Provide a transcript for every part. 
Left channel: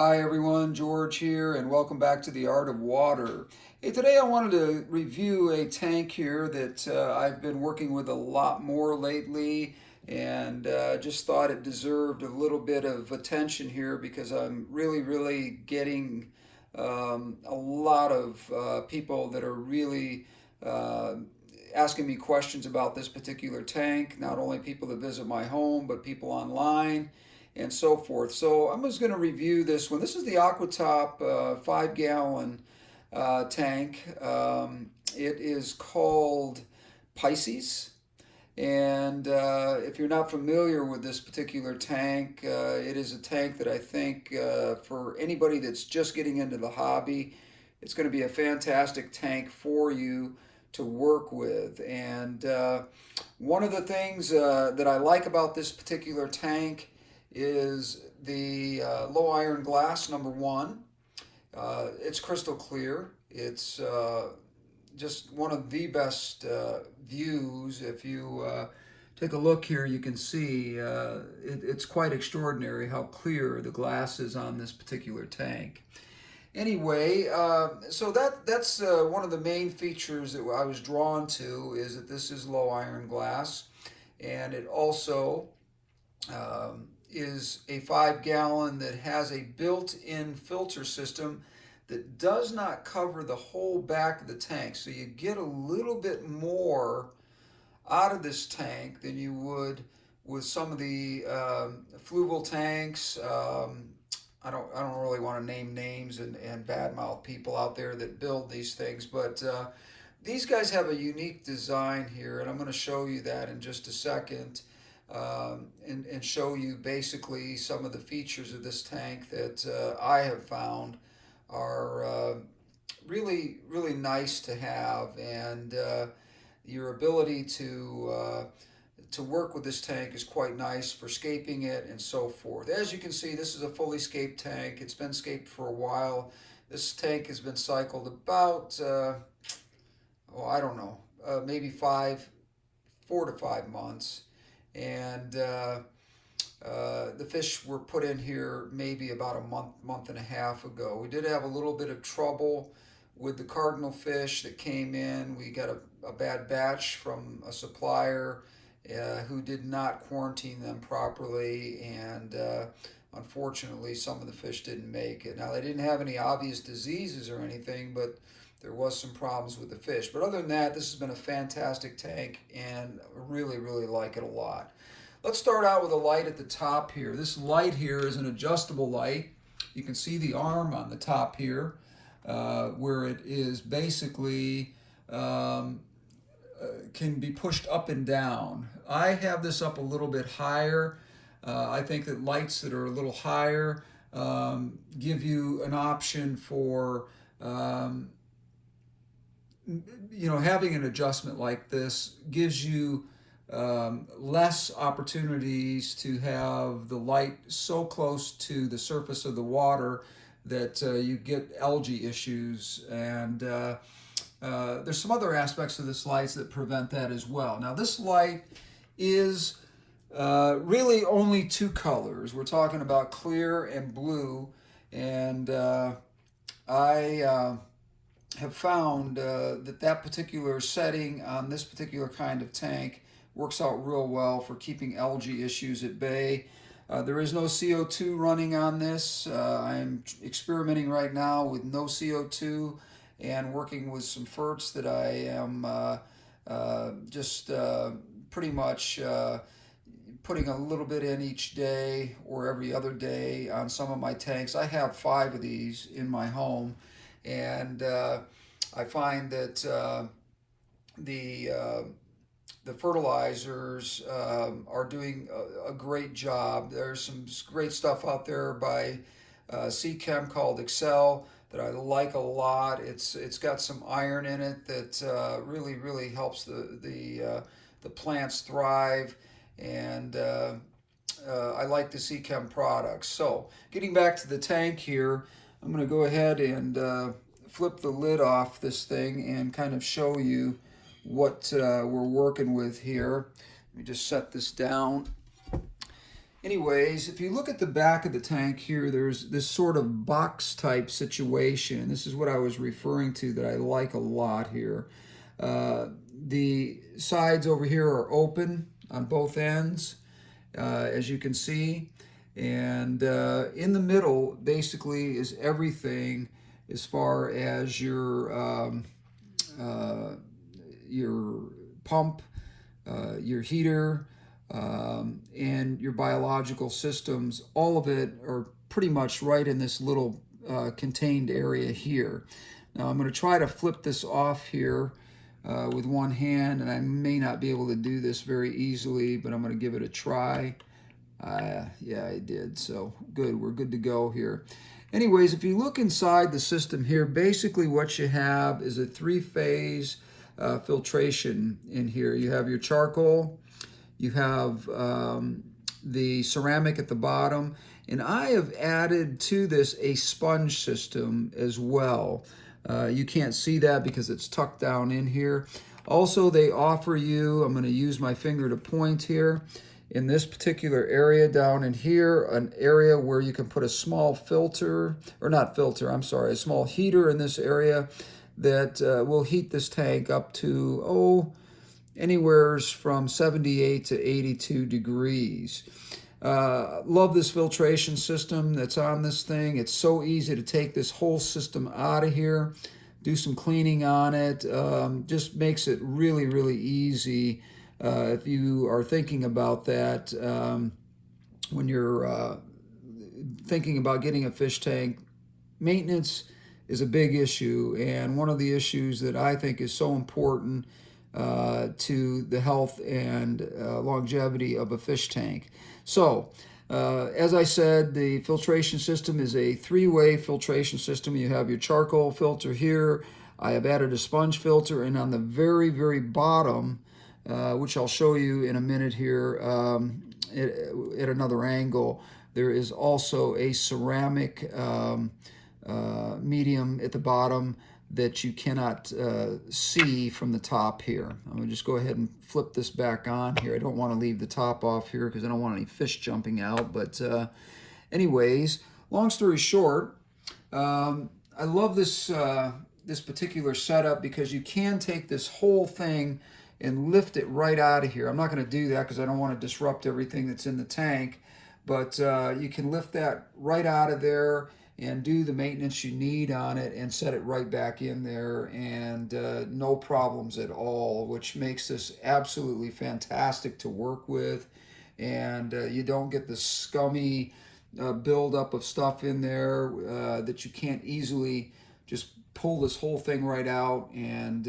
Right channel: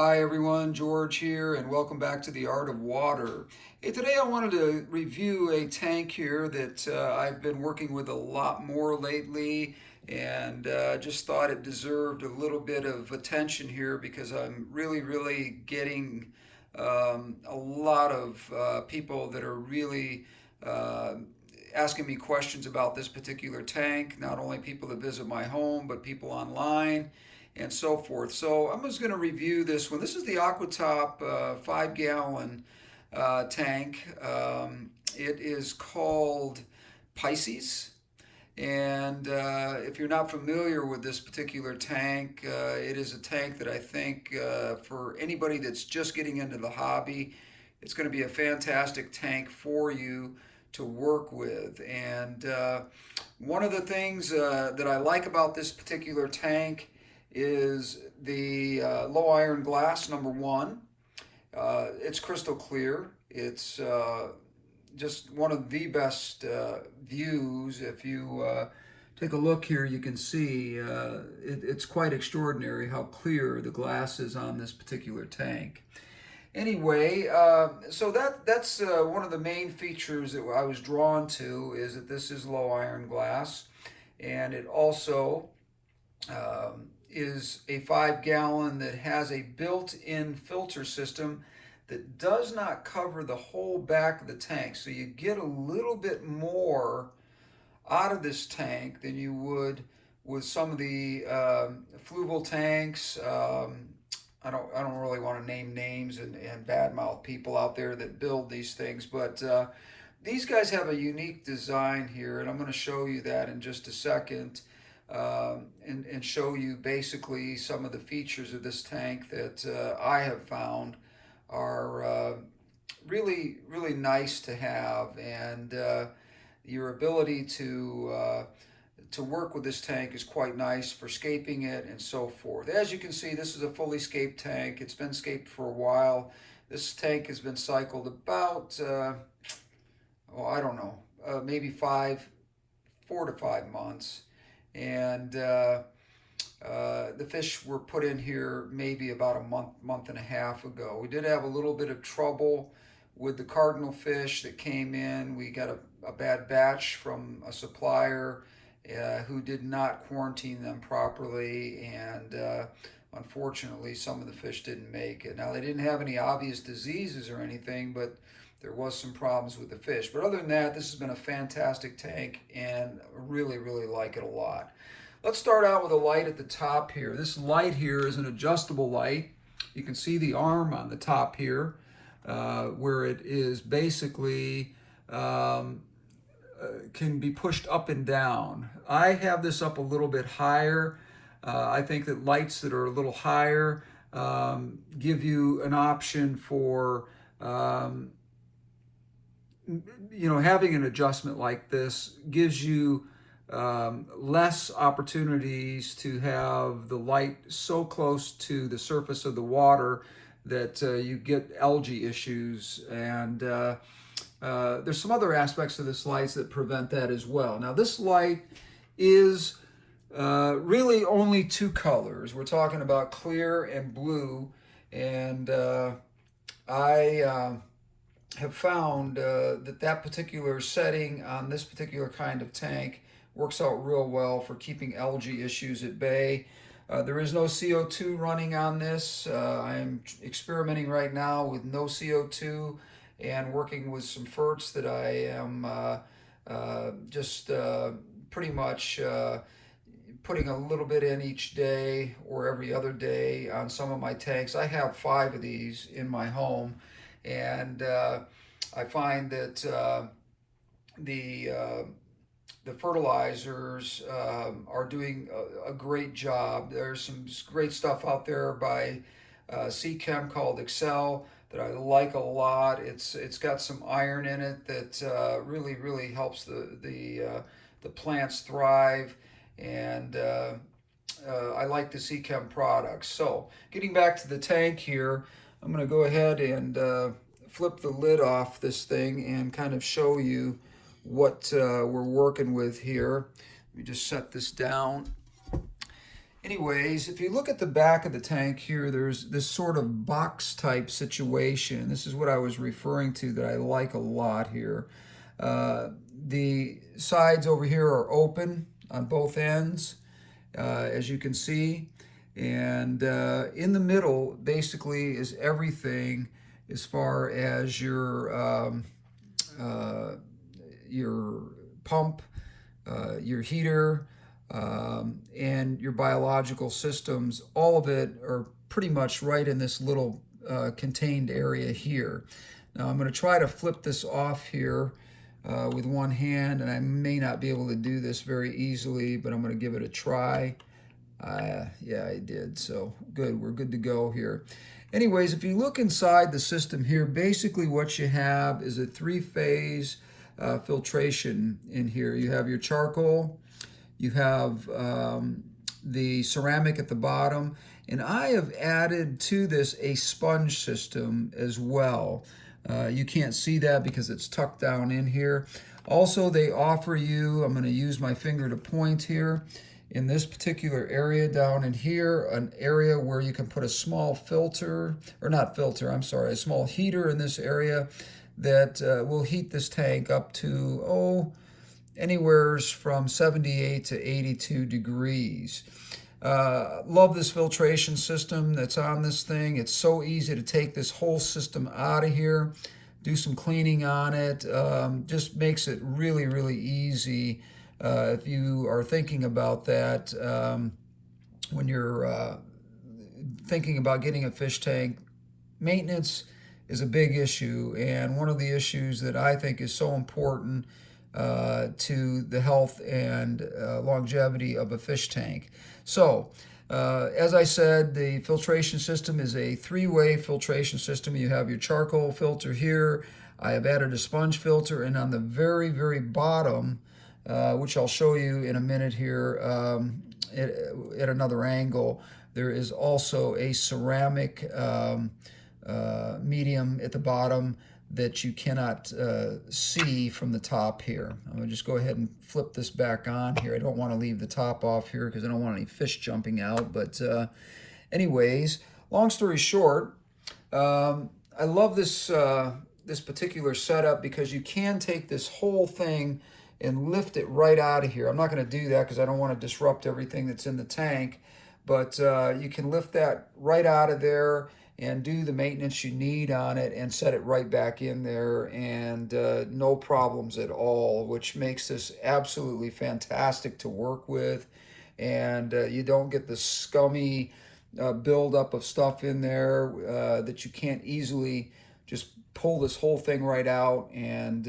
Hi everyone, George here, and welcome back to the Art of Water. Hey, today I wanted to review a tank here that I've been working with a lot more lately, and just thought it deserved a little bit of attention here because I'm really getting a lot of people that are really uh, asking me questions about this particular tank. Not only people that visit my home, but people online and so forth. So I'm just going to review this one. This is the Aquatop 5 gallon tank. It is called Pisces. And if you're not familiar with this particular tank, it is a tank that I think for anybody that's just getting into the hobby, it's going to be a fantastic tank for you to work with. And one of the things that I like about this particular tank is the low iron glass, number one. It's crystal clear. It's just one of the best views. If you take a look here, you can see it's quite extraordinary how clear the glass is on this particular tank. Anyway, so that's one of the main features that I was drawn to, is that this is low iron glass, and it also is a 5 gallon that has a built-in filter system that does not cover the whole back of the tank. So you get a little bit more out of this tank than you would with some of the fluval tanks. I don't really want to name names and badmouth people out there that build these things, but these guys have a unique design here, and I'm going to show you that in just a second. And show you basically some of the features of this tank that I have found are really nice to have, and your ability to work with this tank is quite nice for scaping it and so forth. As you can see, this is a fully scaped tank. It's been scaped for a while. This tank has been cycled about I don't know, maybe 4 to 5 months. And the fish were put in here maybe about a month and a half ago. We did have a little bit of trouble with the cardinal fish that came in. We got a bad batch from a supplier who did not quarantine them properly, and unfortunately some of the fish didn't make it. Now, they didn't have any obvious diseases or anything, but there was some problems with the fish. But other than that, this has been a fantastic tank, and really like it a lot. Let's start out with a light at the top here. This light here is an adjustable light. You can see the arm on the top here, where it is basically can be pushed up and down. I have this up a little bit higher. I think that lights that are a little higher give you an option for having an adjustment like this gives you less opportunities to have the light so close to the surface of the water that you get algae issues, and there's some other aspects of this light that prevent that as well. Now, this light is really only two colors. We're talking about clear and blue, and I have found that particular setting on this particular kind of tank works out real well for keeping algae issues at bay. There is no CO2 running on this. I'm experimenting right now with no CO2 and working with some ferts that I am just pretty much putting a little bit in each day or every other day on some of my tanks. I have 5 of these in my home, and I find that the fertilizers are doing a great job. There's some great stuff out there by Chem called Excel that I like a lot. It's got some iron in it that really helps the plants thrive, and I like the Chem products. So, getting back to the tank here, I'm going to go ahead and flip the lid off this thing and kind of show you what we're working with here. Let me just set this down. Anyways, if you look at the back of the tank here, there's this sort of box type situation. This is what I was referring to that I like a lot here. The sides over here are open on both ends, as you can see. And in the middle, basically, is everything as far as your pump, your heater, and your biological systems. All of it are pretty much right in this little contained area here. Now I'm going to try to flip this off here with one hand, and I may not be able to do this very easily, but I'm going to give it a try. Yeah, I did. So good. We're good to go here. Anyways, if you look inside the system here, basically what you have is a three-phase filtration in here. You have your charcoal, you have the ceramic at the bottom, and I have added to this a sponge system as well. You can't see that because it's tucked down in here. Also, they offer you, I'm going to use my finger to point here, in this particular area down in here, an area where you can put a small filter, or not filter, I'm sorry, a small heater in this area that will heat this tank up to, anywhere from 78 to 82 degrees. Love this filtration system that's on this thing. It's so easy to take this whole system out of here, do some cleaning on it. Just makes it really, really easy. If you are thinking about that, when you're thinking about getting a fish tank, maintenance is a big issue, and one of the issues that I think is so important to the health and longevity of a fish tank. So, as I said, the filtration system is a three-way filtration system. You have your charcoal filter here. I have added a sponge filter, and on the very, very bottom, which I'll show you in a minute here at another angle, there is also a ceramic medium at the bottom that you cannot see from the top here. I'm going to just go ahead and flip this back on here. I don't want to leave the top off here because I don't want any fish jumping out. But anyways, long story short, I love this, this particular setup because you can take this whole thing and lift it right out of here. I'm not going to do that because I don't want to disrupt everything that's in the tank. But you can lift that right out of there and do the maintenance you need on it and set it right back in there, and no problems at all, which makes this absolutely fantastic to work with. And you don't get the scummy buildup of stuff in there that you can't easily just pull this whole thing right out and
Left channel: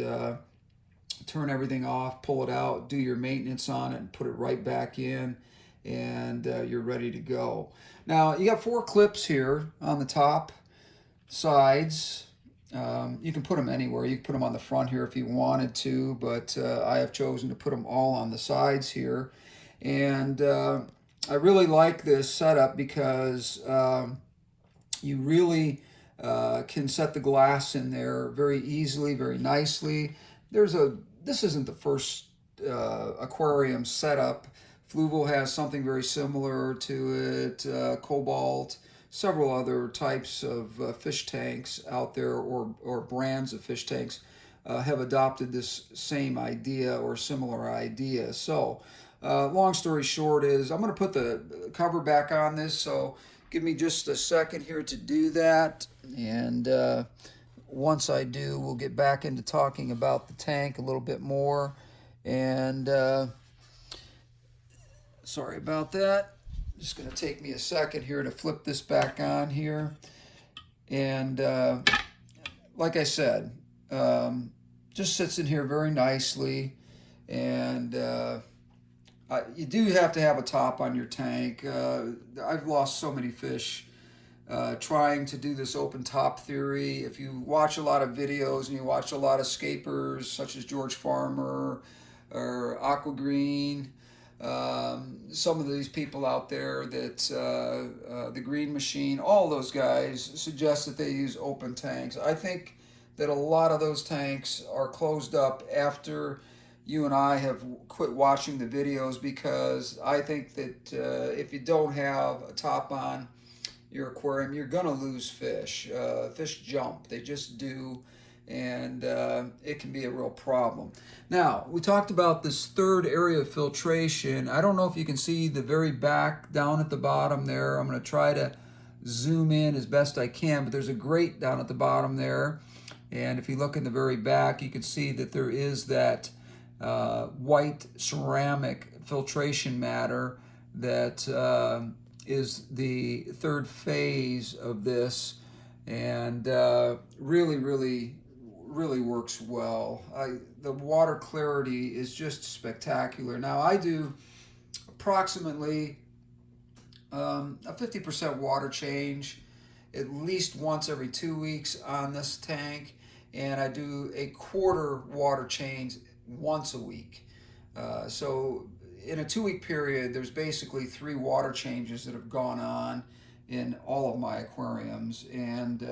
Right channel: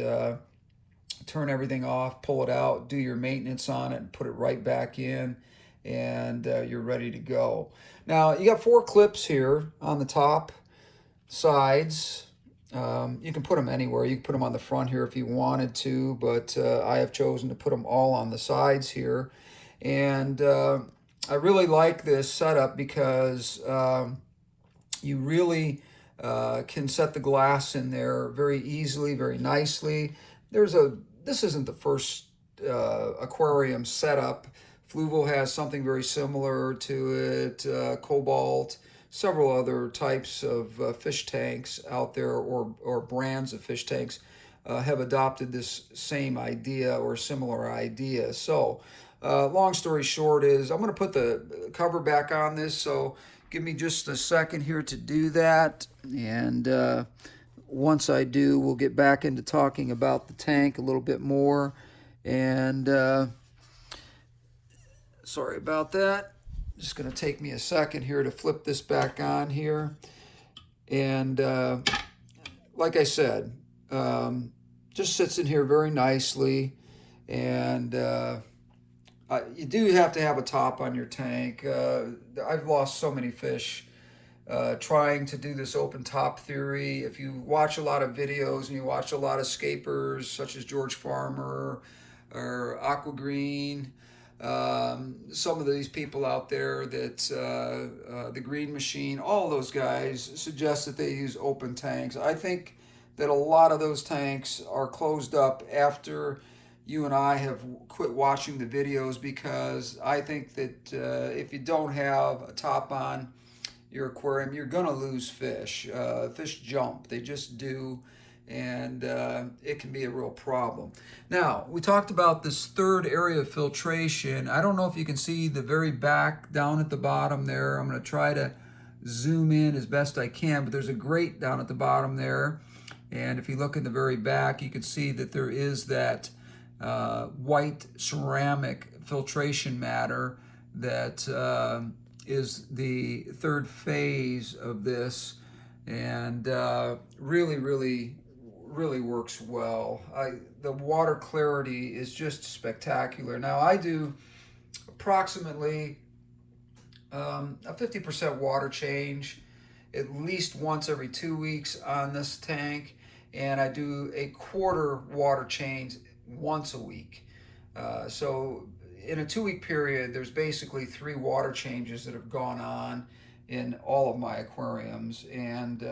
turn everything off, pull it out, do your maintenance on it, and put it right back in, and you're ready to go. Now, you got 4 clips here on the top sides. You can put them anywhere. You can put them on the front here if you wanted to, but I have chosen to put them all on the sides here. And I really like this setup because you really can set the glass in there very easily, very nicely. This isn't the first aquarium setup. Fluval has something very similar to it, Cobalt, several other types of fish tanks out there, or brands of fish tanks have adopted this same idea or similar idea. So long story short is I'm going to put the cover back on this, so give me just a second here to do that. And once I do, we'll get back into talking about the tank a little bit more. And sorry about that. It's going to take me a second here to flip this back on here. And like I said, just sits in here very nicely. And you do have to have a top on your tank. I've lost so many fish trying to do this open top theory. If you watch a lot of videos and you watch a lot of scapers such as George Farmer or Aqua Green, some of these people out there that the Green Machine, all those guys suggest that they use open tanks. I think that a lot of those tanks are closed up after you and I have quit watching the videos because I think that if you don't have a top on your aquarium, you're gonna lose fish. Fish jump, they just do, and it can be a real problem. Now, we talked about this third area of filtration. I don't know if you can see the very back down at the bottom there. I'm gonna try to zoom in as best I can, but there's a grate down at the bottom there. And if you look in the very back, you can see that there is that white ceramic filtration matter that is the third phase of this, and really works well. The water clarity is just spectacular. Now I do approximately a 50% water change at least once every 2 weeks on this tank, and I do a quarter water change once a week. So in a 2 week period, there's basically 3 water changes that have gone on in all of my aquariums. And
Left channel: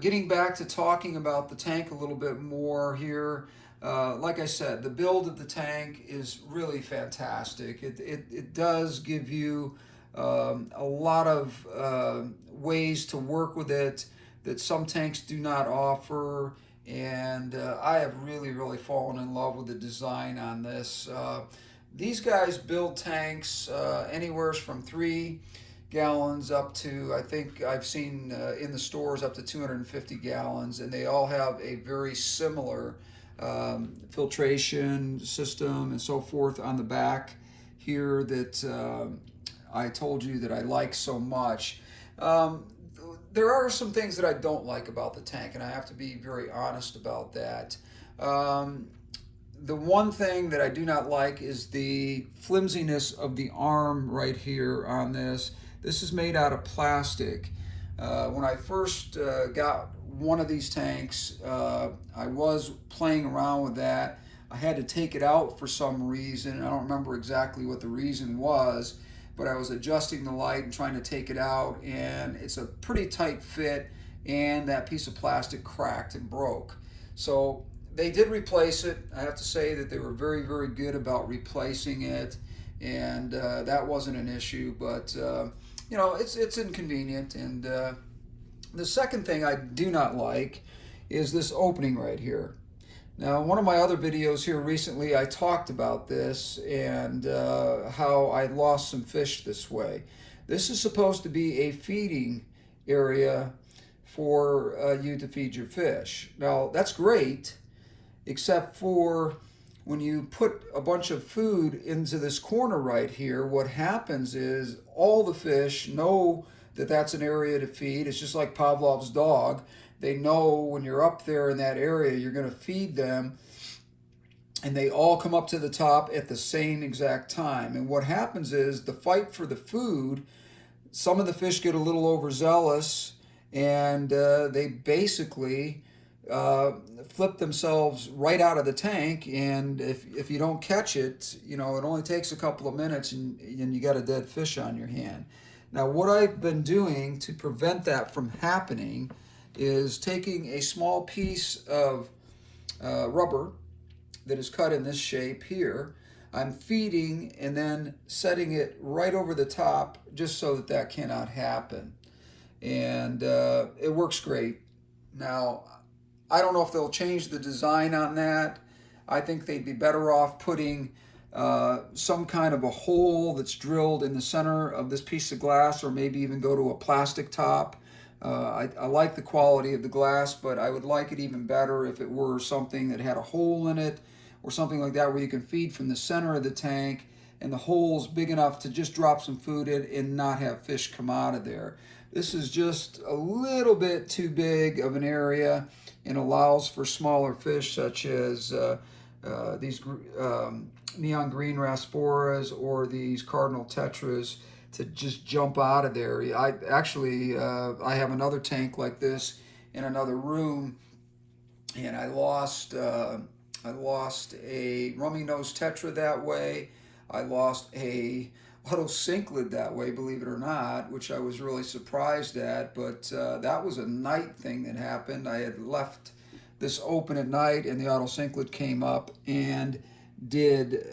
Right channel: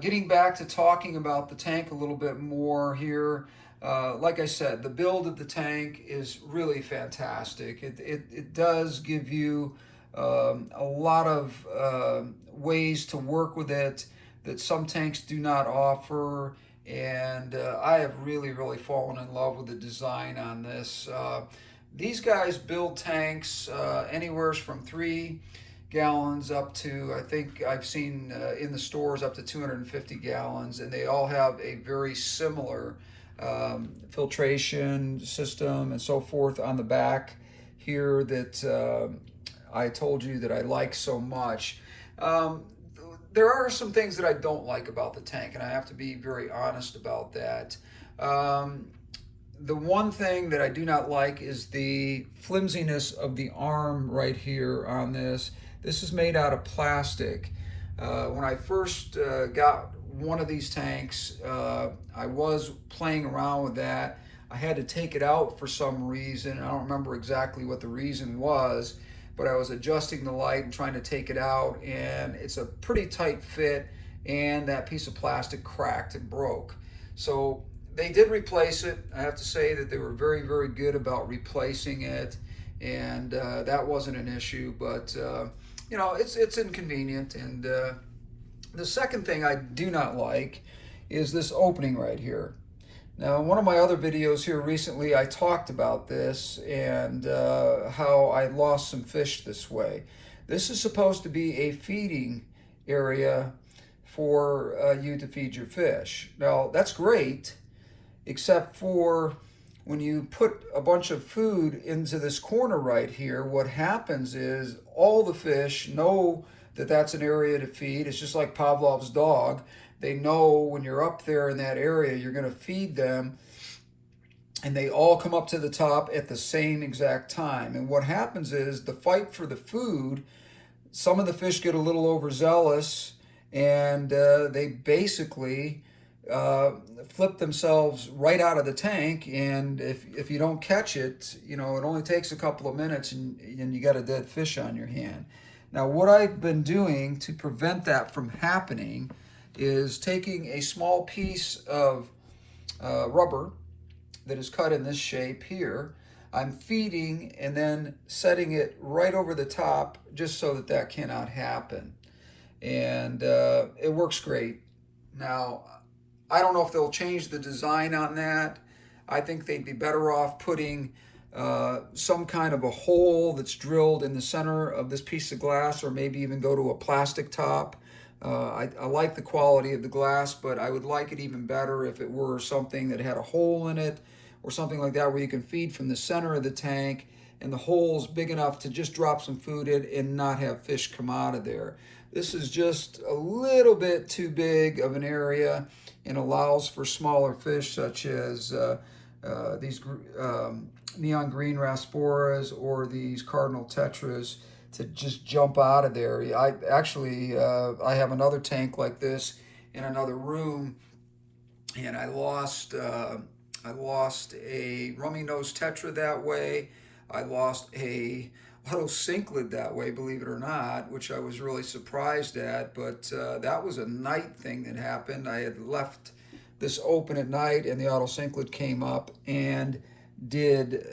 getting back to talking about the tank a little bit more here, like I said, the build of the tank is really fantastic. It does give you a lot of ways to work with it that some tanks do not offer, and I have really fallen in love with the design on this. These guys build tanks anywhere from 3 gallons up to, I think I've seen in the stores, up to 250 gallons, and they all have a very similar filtration system and so forth on the back here that I told you that I like so much. There are some things that I don't like about the tank, and I have to be very honest about that. The one thing that I do not like is the flimsiness of the arm right here on this. This is made out of plastic. When I first got one of these tanks, I was playing around with that. I had to take it out for some reason. I don't remember exactly what the reason was, but I was adjusting the light and trying to take it out, and it's a pretty tight fit, and that piece of plastic cracked and broke. So they did replace it. I have to say that they were very good about replacing it, and that wasn't an issue, but you know, it's inconvenient. And the second thing I do not like is this opening right here. Now, in one of my other videos here recently, I talked about this and how I lost some fish this way. This is supposed to be a feeding area for you to feed your fish. Now, that's great, except for when you put a bunch of food into this corner right here, what happens is all the fish know that that's an area to feed. It's just like Pavlov's dog. They know when you're up there in that area, you're going to feed them, and they all come up to the top at the same exact time. And what happens is the fight for the food, some of the fish get a little overzealous, and they basically flip themselves right out of the tank. And if you don't catch it, you know, it only takes a couple of minutes, and you got a dead fish on your hand. Now, what I've been doing to prevent that from happening is taking a small piece of rubber that is cut in this shape here. I'm feeding and then setting it right over the top just so that that cannot happen. And it works great. Now, I don't know if they'll change the design on that. I think they'd be better off putting some kind of a hole that's drilled in the center of this piece of glass, or maybe even go to a plastic top. I like the quality of the glass, but I would like it even better if it were something that had a hole in it, or something like that, where you can feed from the center of the tank and the hole's big enough to just drop some food in and not have fish come out of there. This is just a little bit too big of an area and allows for smaller fish, such as these neon green rasporas or these cardinal tetras, to just jump out of there. I have another tank like this in another room, and I lost a rummy nose tetra that way. I lost a auto cinklid that way, believe it or not, which I was really surprised at. But that was a night thing that happened. I had left this open at night and the auto synclet came up and did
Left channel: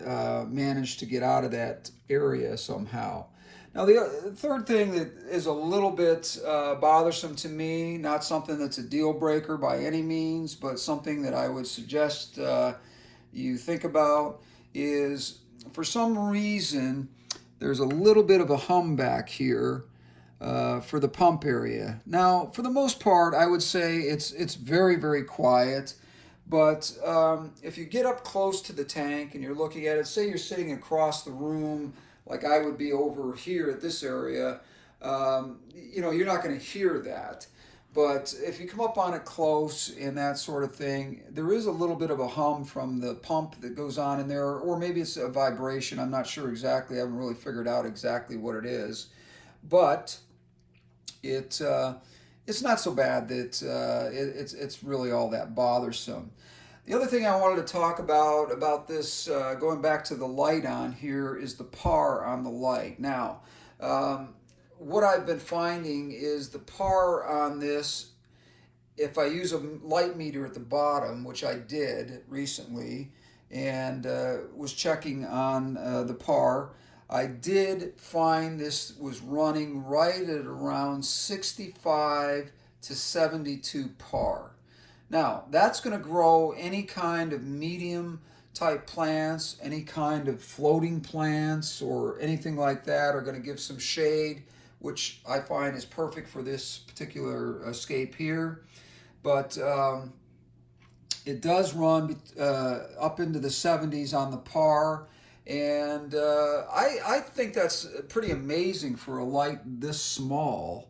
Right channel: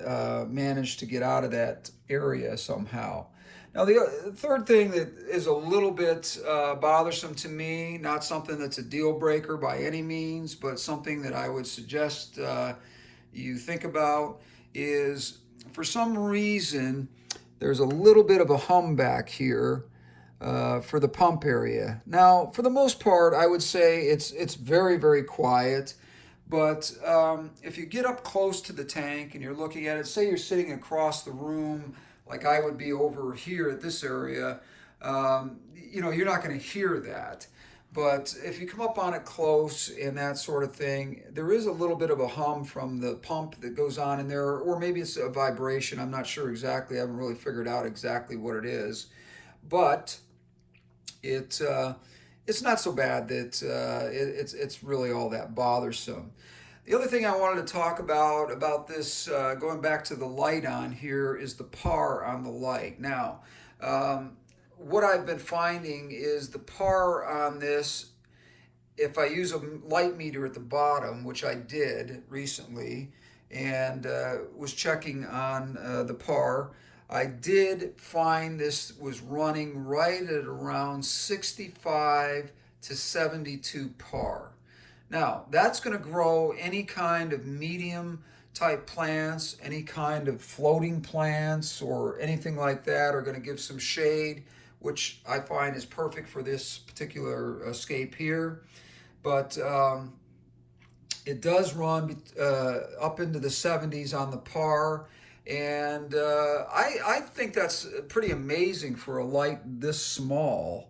manage to get out of that area somehow. Now, the third thing that is a little bit bothersome to me, not something that's a deal breaker by any means, but something that I would suggest you think about, is for some reason there's a little bit of a hum back here for the pump area. Now, for the most part, I would say it's very, very quiet. But if you get up close to the tank and you're looking at it, say you're sitting across the room, like I would be over here at this area, you're not going to hear that. But if you come up on it close and that sort of thing, there is a little bit of a hum from the pump that goes on in there, or maybe it's a vibration. I'm not sure exactly. I haven't really figured out exactly what it is. But it's not so bad that it's really all that bothersome. The other thing I wanted to talk about this, going back to the light on here, is the par on the light. Now, what I've been finding is the par on this, if I use a light meter at the bottom, which I did recently, and was checking on the par, I did find this was running right at around 65 to 72 par. Now, that's going to grow any kind of medium type plants, any kind of floating plants or anything like that are going to give some shade, which I find is perfect for this particular scape here. But it does run up into the 70s on the par. And I think that's pretty amazing for a light this small.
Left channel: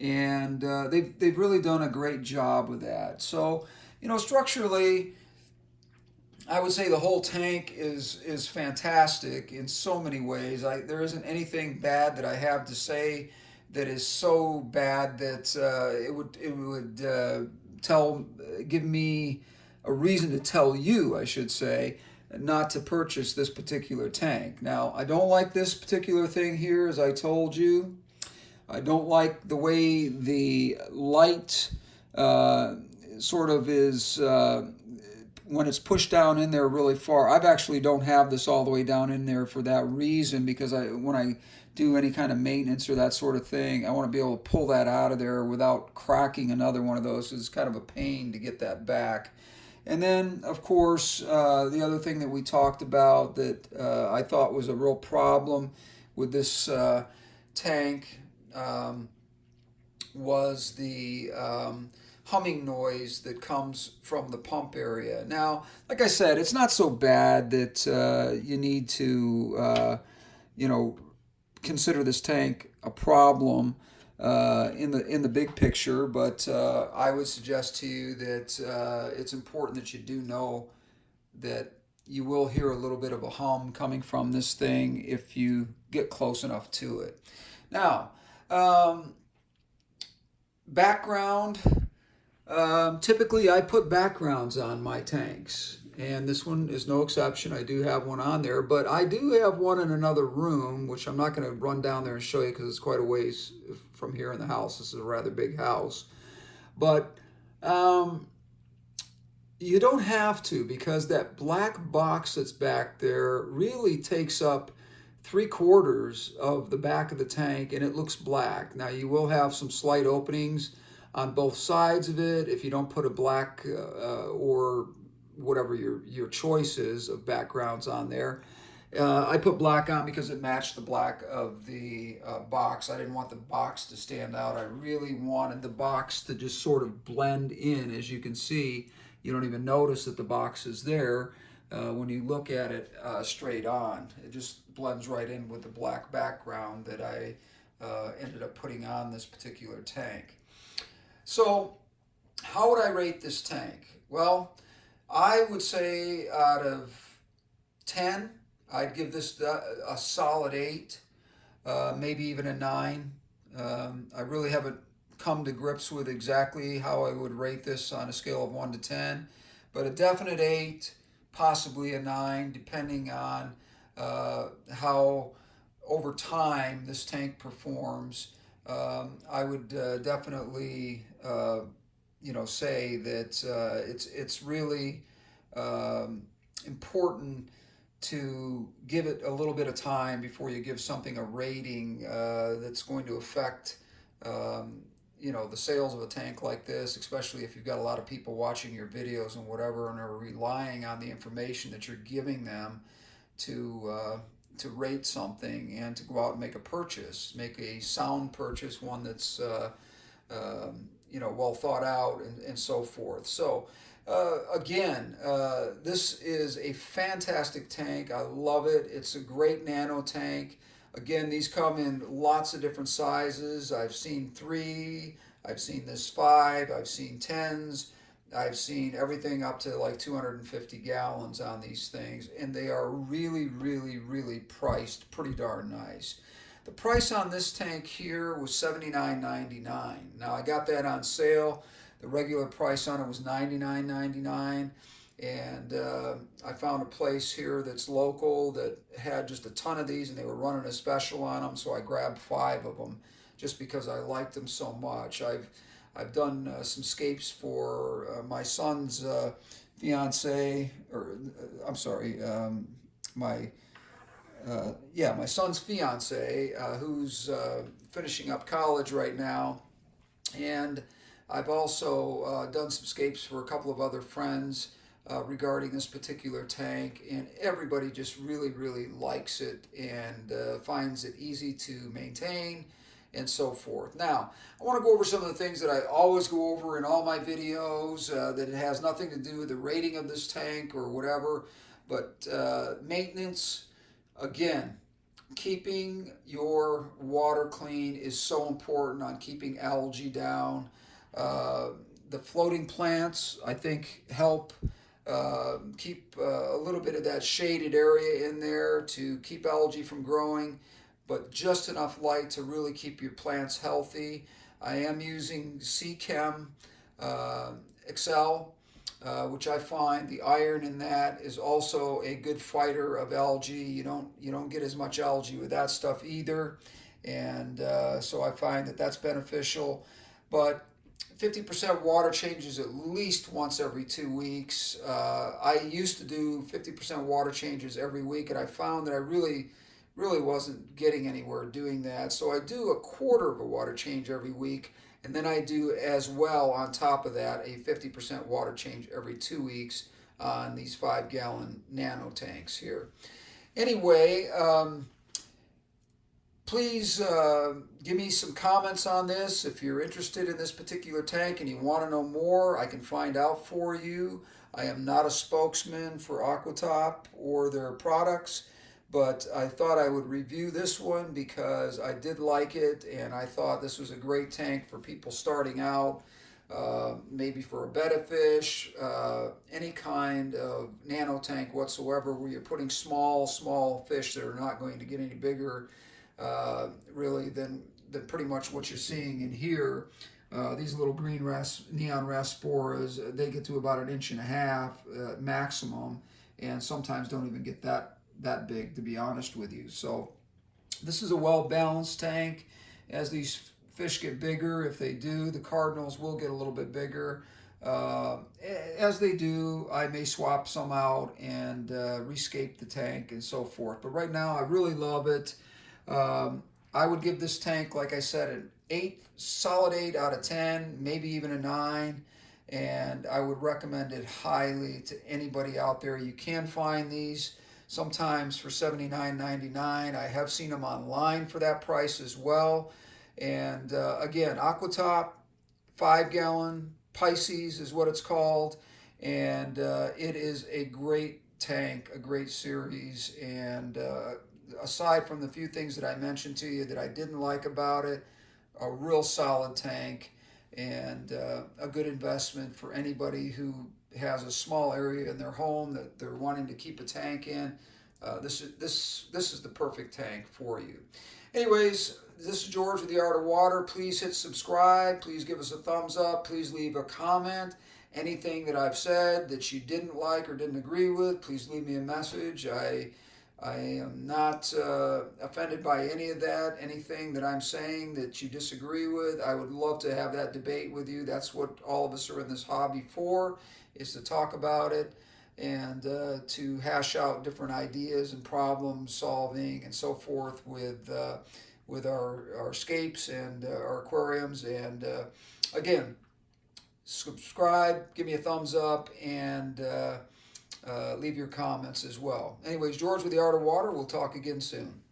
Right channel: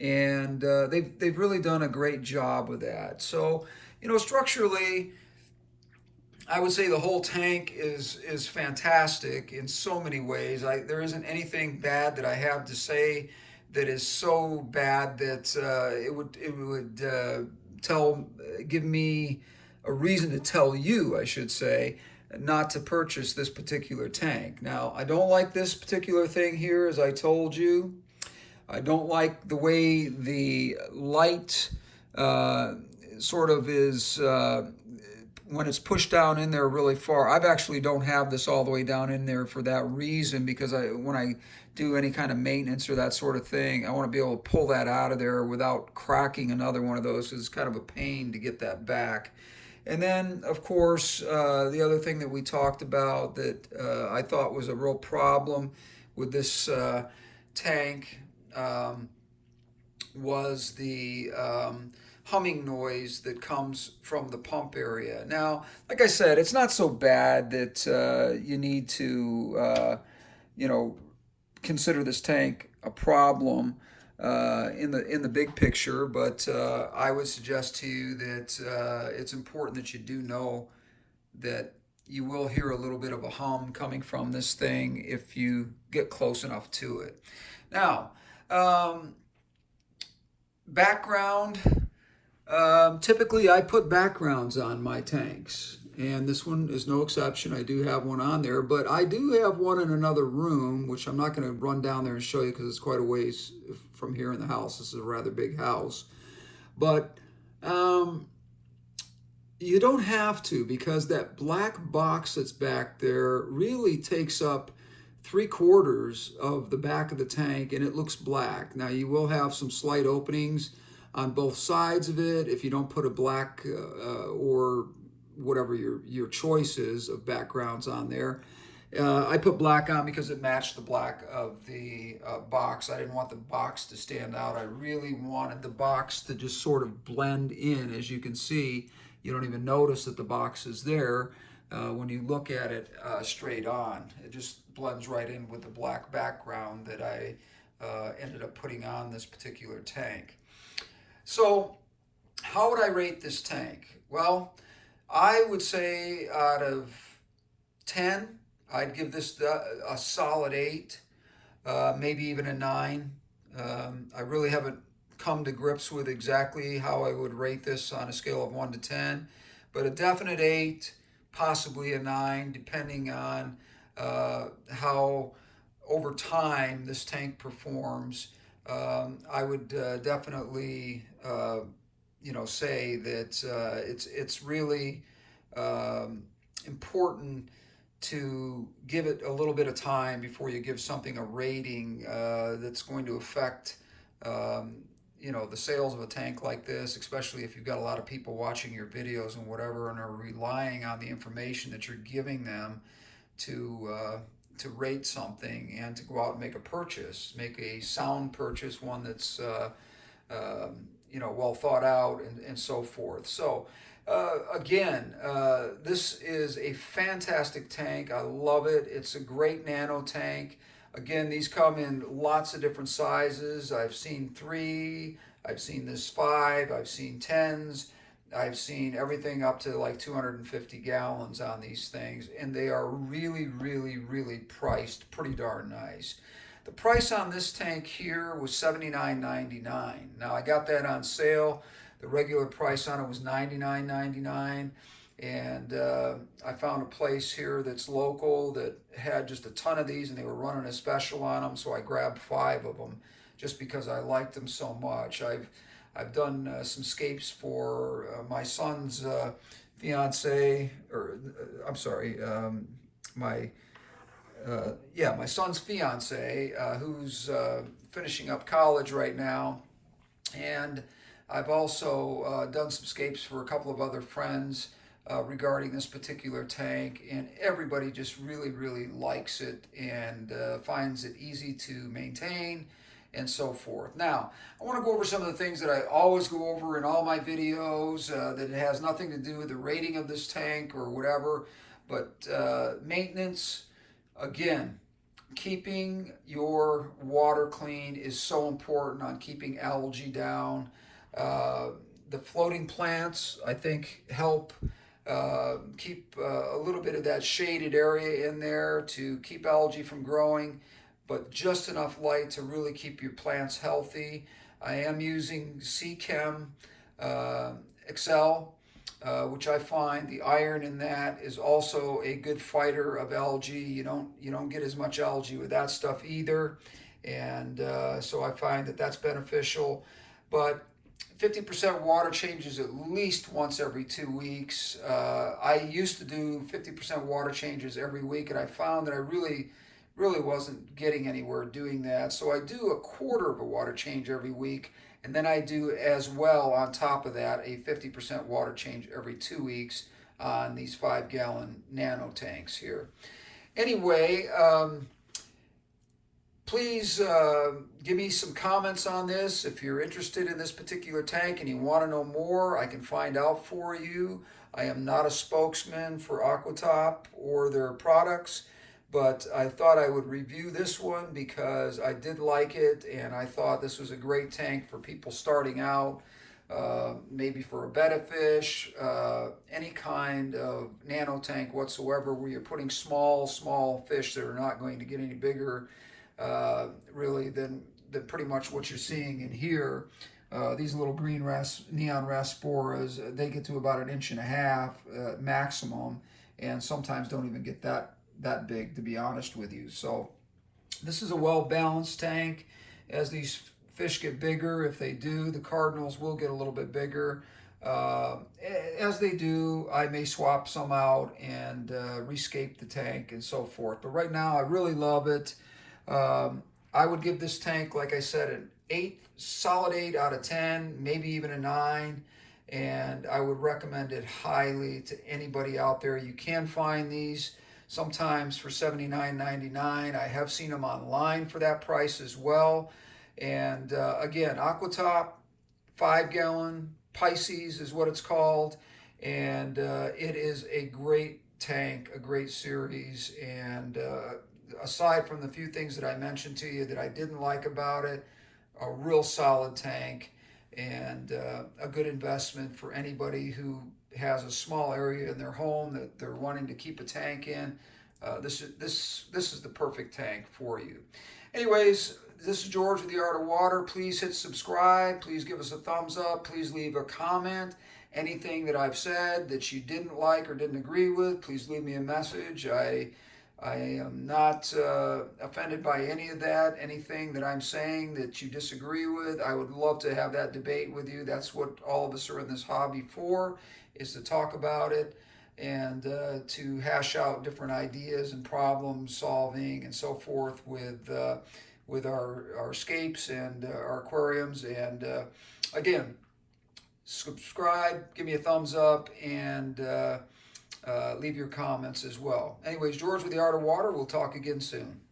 And they've really done a great job with that. So, structurally, I would say the whole tank is fantastic in so many ways. There isn't anything bad that I have to say that is so bad that it would give me a reason to tell you, I should say, not to purchase this particular tank. Now, I don't like this particular thing here, as I told you. I don't like the way the light sort of is when it's pushed down in there really far. I've actually don't have this all the way down in there for that reason, because when I do any kind of maintenance or that sort of thing, I want to be able to pull that out of there without cracking another one of those. It's kind of a pain to get that back. And then, of course, the other thing that we talked about that I thought was a real problem with this tank was the humming noise that comes from the pump area. Now, like I said, it's not so bad that you need to, consider this tank a problem in the big picture, but I would suggest to you that it's important that you do know that you will hear a little bit of a hum coming from this thing if you get close enough to it. Now, background. Typically, I put backgrounds on my tanks, and this one is no exception. I do have one on there, but I do have one in another room, which I'm not going to run down there and show you because it's quite a ways from here in the house. This is a rather big house, but you don't have to, because that black box that's back there really takes up 3/4 of the back of the tank, and it looks black. Now, you will have some slight openings on both sides of it if you don't put a black or whatever your choice is of backgrounds on there. I put black on because it matched the black of the box. I didn't want the box to stand out. I really wanted the box to just sort of blend in. As you can see, you don't even notice that the box is there when you look at it straight on. It just blends right in with the black background that I ended up putting on this particular tank. So, how would I rate this tank? Well, I would say out of 10, I'd give this a solid 8, maybe even a 9. I really haven't come to grips with exactly how I would rate this on a scale of 1 to 10, but a definite 8, possibly a 9, depending on how over time this tank performs. I would definitely say that it's really important to give it a little bit of time before you give something a rating that's going to affect the sales of a tank like this, especially if you've got a lot of people watching your videos and whatever and are relying on the information that you're giving them to rate something and to go out and make a purchase, make a sound purchase, one that's well thought out and so forth. So again, this is a fantastic tank. I love it. It's a great nano tank. Again, these come in lots of different sizes. I've seen 3, I've seen this 5, I've seen 10s, I've seen everything up to like 250 gallons on these things, and they are really, really, really priced pretty darn nice. The price on this tank here was $79.99. Now I got that on sale. The regular price on it was $99.99. And I found a place here that's local that had just a ton of these, and they were running a special on them, so I grabbed 5 of them just because I liked them so much. I've done some scapes for my son's fiance, or I'm sorry, my son's fiance, who's finishing up college right now, and I've also done some scapes for a couple of other friends regarding this particular tank, and everybody just really, really likes it and finds it easy to maintain and so forth. Now, I want to go over some of the things that I always go over in all my videos that it has nothing to do with the rating of this tank or whatever, but maintenance. Again, keeping your water clean is so important on keeping algae down. The floating plants, I think, help keep a little bit of that shaded area in there to keep algae from growing, but just enough light to really keep your plants healthy. I am using Seachem Excel, which I find the iron in that is also a good fighter of algae. You don't get as much algae with that stuff either, and so I find that that's beneficial. But 50% water changes at least once every 2 weeks. I used to do 50% water changes every week, and I found that I really wasn't getting anywhere doing that. So I do a quarter of a water change every week, and then I do as well on top of that a 50% water change every 2 weeks on these 5-gallon nano tanks here. Anyway, please give me some comments on this. If you're interested in this particular tank and you want to know more, I can find out for you. I am not a spokesman for Aquatop or their products, but I thought I would review this one because I did like it, and I thought this was a great tank for people starting out, maybe for a betta fish, any kind of nano tank whatsoever where you're putting small fish that are not going to get any bigger really than pretty much what you're seeing in here. These little green neon rasporas, they get to about 1.5 inches maximum, and sometimes don't even get that big, to be honest with you. So this is a well-balanced tank. As these fish get bigger, if they do, the cardinals will get a little bit bigger. As they do, I may swap some out and rescape the tank and so forth. But right now, I really love it. I would give this tank, like I said, an 8, solid 8 out of 10, maybe even a 9. And I would recommend it highly to anybody out there. You can find these sometimes for $79.99. I have seen them online for that price as well. And again, Aquatop, 5-gallon, Pisces is what it's called. And it is a great tank, a great series. And aside from the few things that I mentioned to you that I didn't like about it, a real solid tank and a good investment for anybody who has a small area in their home that they're wanting to keep a tank in. This is the perfect tank for you. Anyways, this is George with The Art of Water. Please hit subscribe. Please give us a thumbs up. Please leave a comment. Anything that I've said that you didn't like or didn't agree with, please leave me a message. I am not offended by any of that. Anything that I'm saying that you disagree with, I would love to have that debate with you. That's what all of us are in this hobby for, is to talk about it and to hash out different ideas and problem solving and so forth with our scapes and our aquariums. And again, subscribe, give me a thumbs up, and leave your comments as well. Anyways, George with the Art of Water. We'll talk again soon.